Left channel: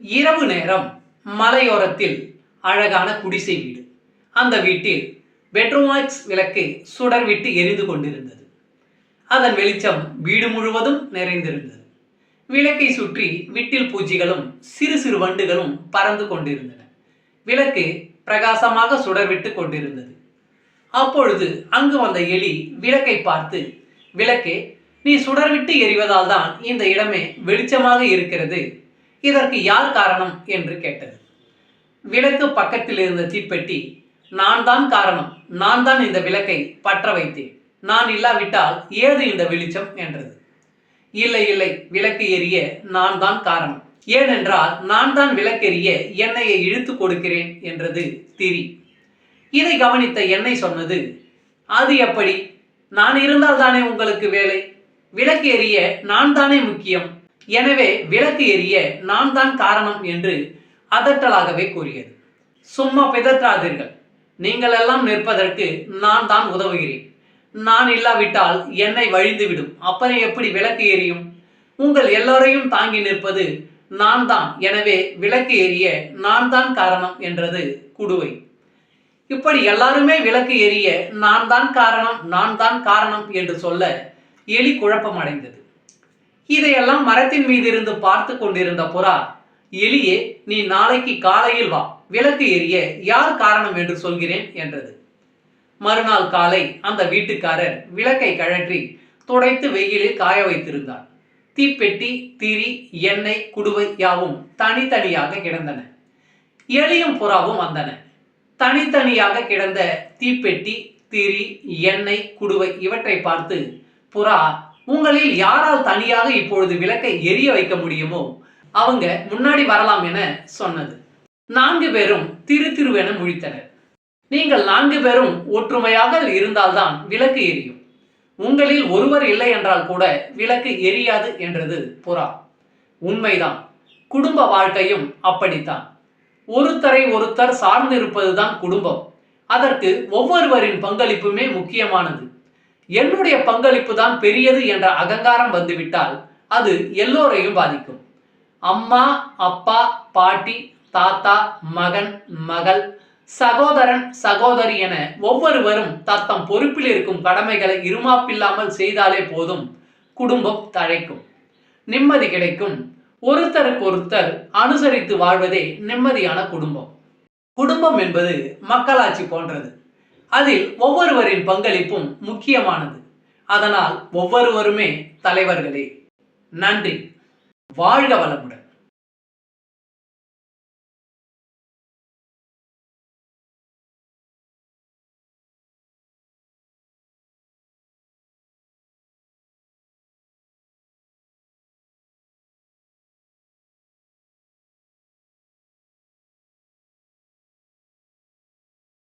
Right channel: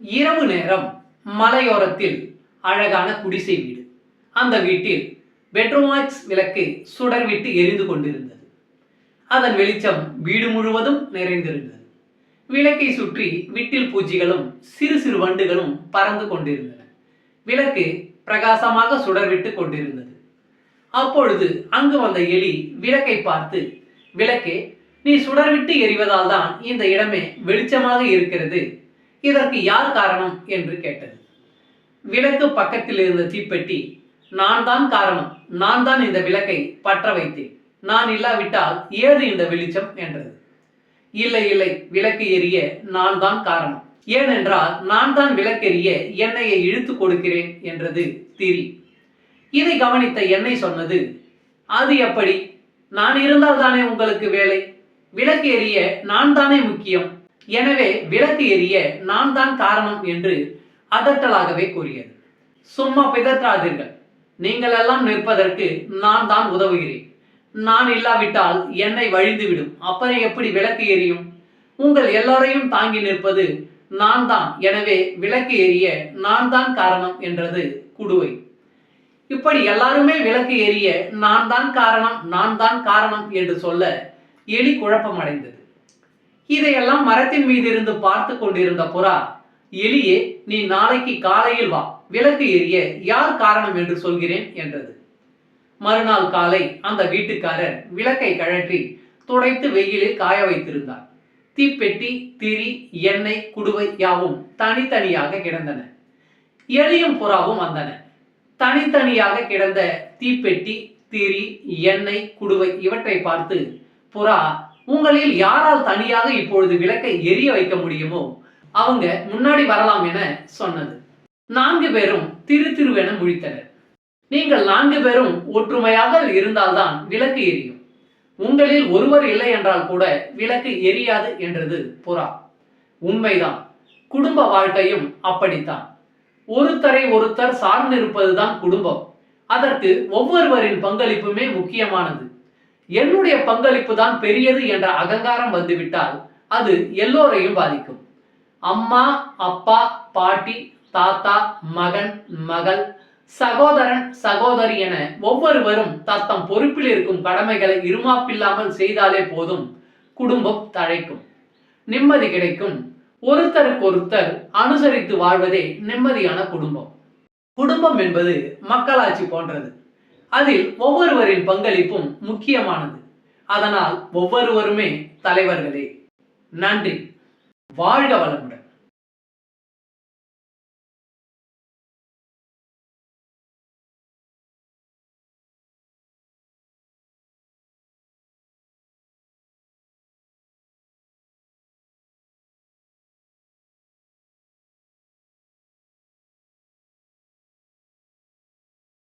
இரவு நேரம் மலையோரத்தில் அழகான குடிசை வீடு. அந்த வீட்டில் பெட்ரோமாக்ஸ் விளக்கு சுடர்விட்டு எரிந்து கொண்டிருந்தது. அதன் வெளிச்சம் வீடு முழுவதும் நிறைந்திருந்தது. விளக்கை சுற்றி விட்டில் பூச்சிகளும் சிறு சிறு வண்டுகளும் பறந்து கொண்டிருந்தன. விளக்கு பிரகாசமாக சுடர்விட்டு கொண்டிருந்தது. அப்பொழுது அங்கு வந்த எலி விளக்கை பார்த்து, விளக்கே, நீ சுடர்விட்டு எரிவதால் தான் இந்த இடமே வெளிச்சமாக இருக்கிறது. இதற்கு யார் காரணம் என்று கேட்டது. விளக்கு பக்கத்தில் இருந்த தீப்பெட்டி, நான் தான் காரணம், நான் தான் இந்த விளக்கை பற்ற வைத்தேன், நான் இல்லாவிட்டால் ஏது இந்த வெளிச்சம் என்றது. இல்லை இல்லை, விளக்கு எரிய நான் தான் காரணம், ஏனென்றால் நான் தான் விளக்கெரிய எண்ணெயை இழுத்து கொடுக்கிறேன் என்றது திரி. இதை கவனித்த எண்ணெய் சொன்னது, அது எப்படி? நான் இருந்தால் தானே உங்களுக்கு வேலை, விளக்கு எரிய நான் தானே முக்கியம், எனவே விளக்கு எரிய நான் தான் காரணம் என்று அதட்டலாகவே கூறியது. சும்மா பிதற்றாதீர்கள், நீங்கள் எல்லாம் நிற்பதற்கு நான் தான் உதவுகிறேன், நான் இல்லாவிட்டால் எண்ணெய் வழிந்துவிடும், அப்புறம் எப்படி விளக்கு எரியும்? உங்கள் எல்லோரையும் தாங்கி நிற்பது நான் தான், எனவே விளக்கு எரிய நான் தான் காரணம் என்றது குடுவை. இப்படி எல்லாருமே விளக்கு எரிய நான் தான் காரணம், நான் தான் காரணம் என்று சொல்ல எலி குழப்பமடைந்தது. இதையெல்லாம் மரத்தின் மீது இருந்து பார்த்து கொண்டிருந்த புறா, எலியே, நீ நாளைக்கு காலையில் வா, விளக்கு எரிய யார் காரணம் என்று சொல்கிறேன் என்றது. மறுநாள் காலை அந்த வீட்டுக்காரர் விளக்கை கழற்றி துடைத்து வெயிலில் காய வைத்திருந்தார். தீப்பெட்டி, திரி, எண்ணெய், குடுவை யாவும் தனித்தனியாக கிடந்தன. எலியும் புறாவும் வந்தன. தனித்தனியாக கிடந்த தீப்பெட்டி, திரி, எண்ணெய், குடுவை இவற்றை பார்த்து புறா, உங்களில் யாரால் தனியாக இப்பொழுது விளக்கை எரிய வைக்க முடியுமோ அவங்க முன்னாடி வரலாம் என சொன்னது. 4 பேரும் திரு திருவென முழித்தனர். நீங்கள் 4 பேரும் ஒற்றுமையாக இருந்தால்தான் விளக்கு எரியும், உங்களில் ஒருவர் இல்லை என்றால் கூட விளக்கு எரியாது என்றது புறா. உண்மைதான், குடும்ப வாழ்க்கையும் அப்படித்தான். ஒருத்தரை ஒருத்தர் சார்ந்திருப்பதுதான் குடும்பம். அதற்கு ஒவ்வொருவரின் பங்களிப்புமே முக்கியமானது. என்னுடைய பங்களிப்பு தான் பெரியது என்ற அகங்காரம் வந்துவிட்டால் அது எல்லோரையும் பாதிக்கும். அம்மா, அப்பா, பாட்டி, தாத்தா, மகன், மகள், சகோதரன், சகோதரி என ஒவ்வொருவரும் தத்தம் பொறுப்பில் இருக்கும் கடமைகளை இருமாப்பில்லாமல் செய்தாலே போதும், குடும்பம் தழைக்கும், நிம்மதி கிடைக்கும். ஒருத்தருக்கொருத்தர் அனுசரித்து வாழ்வதே நிம்மதியான குடும்பம். குடும்பம் என்பது மக்களாட்சி போன்றது. அதில் ஒவ்வொருவரின் பங்களிப்பும் முக்கியமானது. அதனால் ஒவ்வொருவருமே தலைவர்களே. நன்றி. வாழ்க வளமுடன்.